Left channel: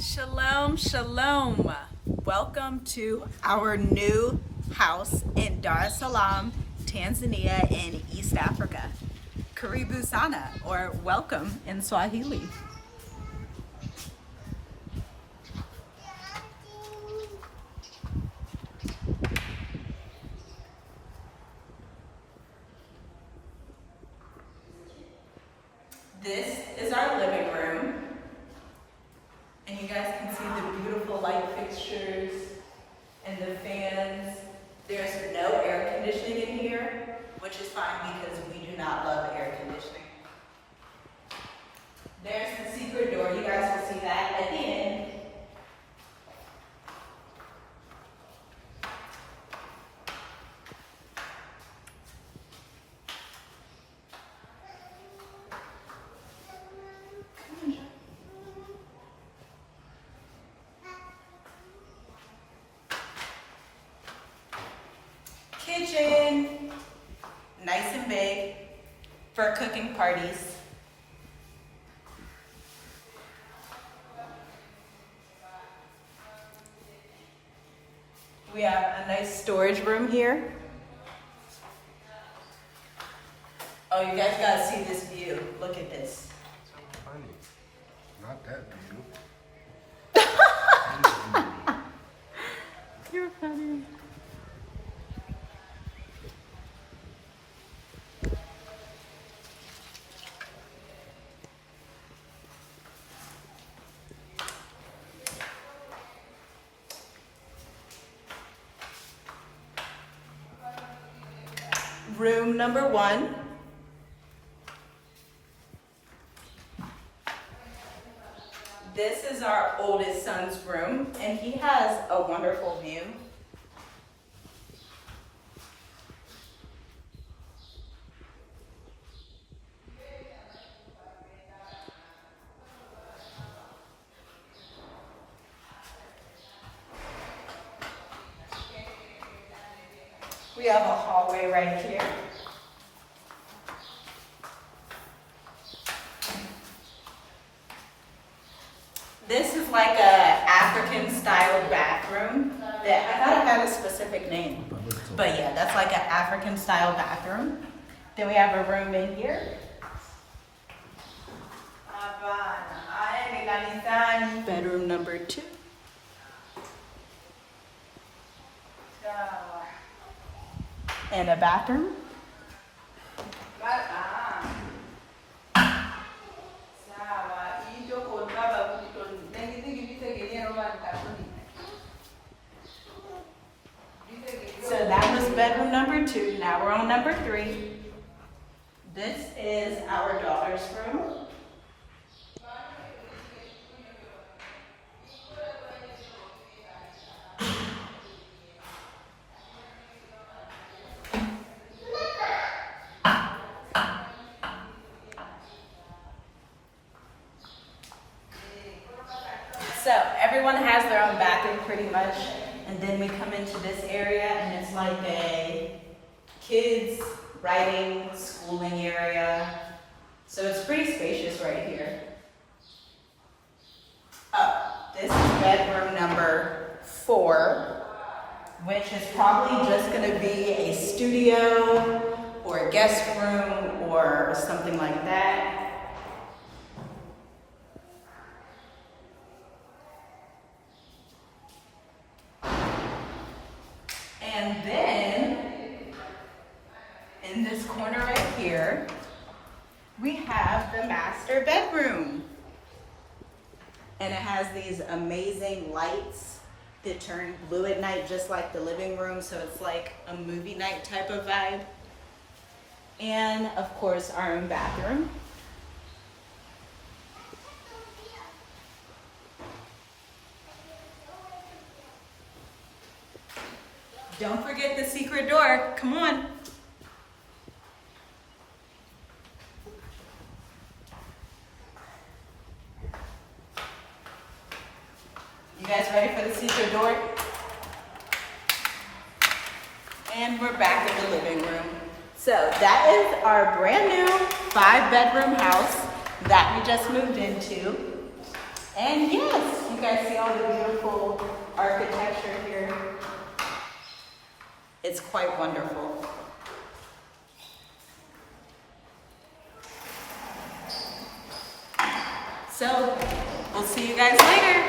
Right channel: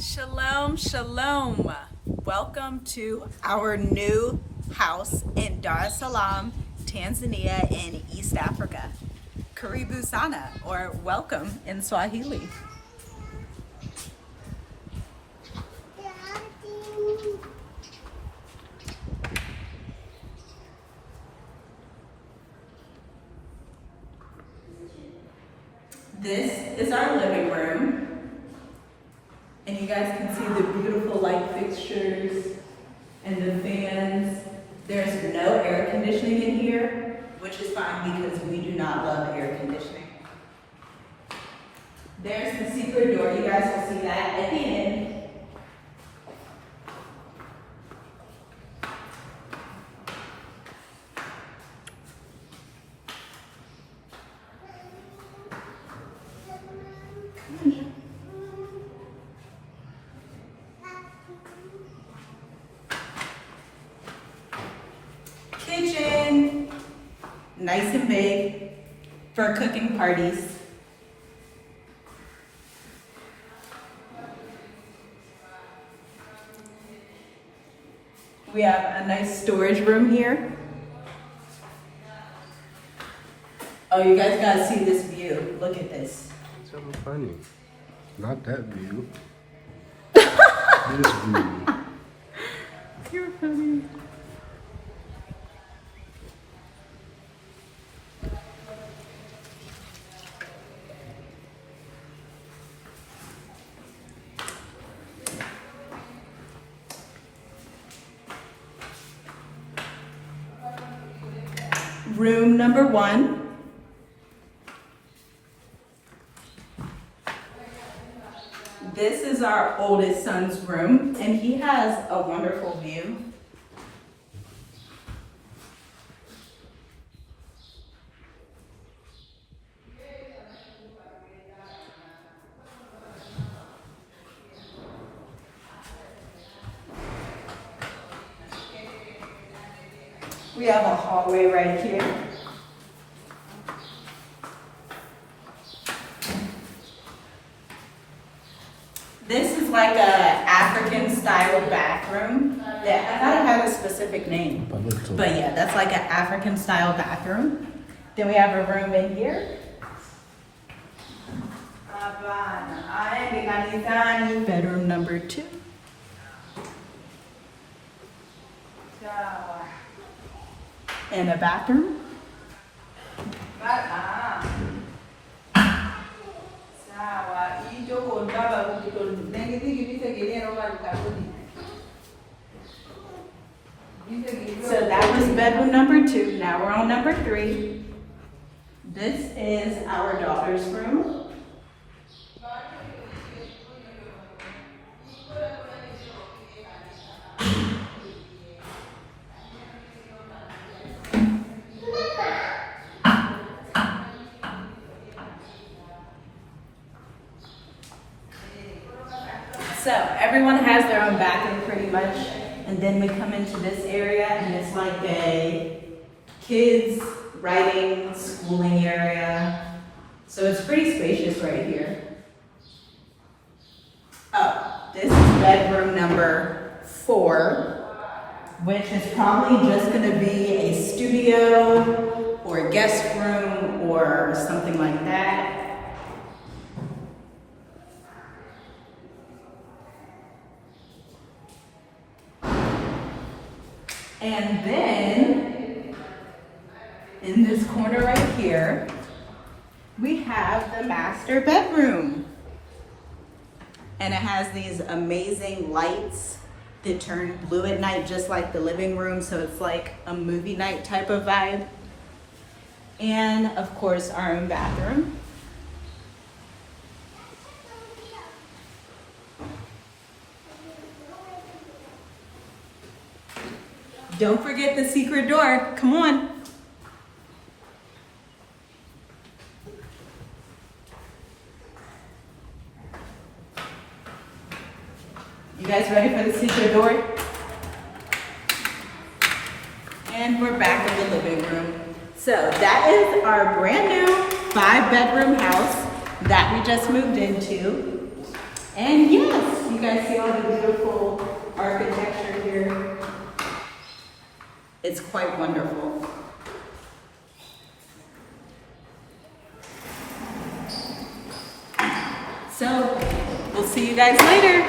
Shalom, shalom. Welcome to our new house in Dar es Salaam, Tanzania in East Africa. Karibu sana, or welcome in Swahili. This is our living room. And you guys can see the beautiful light fixtures and the fans. There's no air conditioning in here, which is fine because we do not love air conditioning. There's the secret door. You guys will see that at the end. Kitchen, nice and big for cooking parties. We have a nice storage room here. Oh, you guys gotta see this view. Look at this. It's so funny. Not that view. This view. You're funny. Room number 1. This is our oldest son's room, and he has a wonderful view. We have a hallway right here. This is like a African style bathroom. Yeah, I thought it had a specific name. But yeah, that's like an African style bathroom. Then we have a room in here. Bedroom number 2. And a bathroom. So that was bedroom number 2. Now we're on number 3. This is our daughter's room. So everyone has their own bathroom pretty much. And then we come into this area and it's like a kids writing, schooling area. So it's pretty spacious right here. Oh, this is bedroom number 4, which is probably just gonna be a studio or a guest room or something like that. And then, in this corner right here, we have the master bedroom. And it has these amazing lights that turn blue at night, just like the living room, so it's like a movie night type of vibe. And, of course, our own bathroom. Don't forget the secret door. Come on. You guys ready for the secret door? And we're back in the living room. So that is our brand new 5-bedroom house that we just moved into. And yes, you guys see all the beautiful architecture here. It's quite wonderful. So, we'll see you guys later.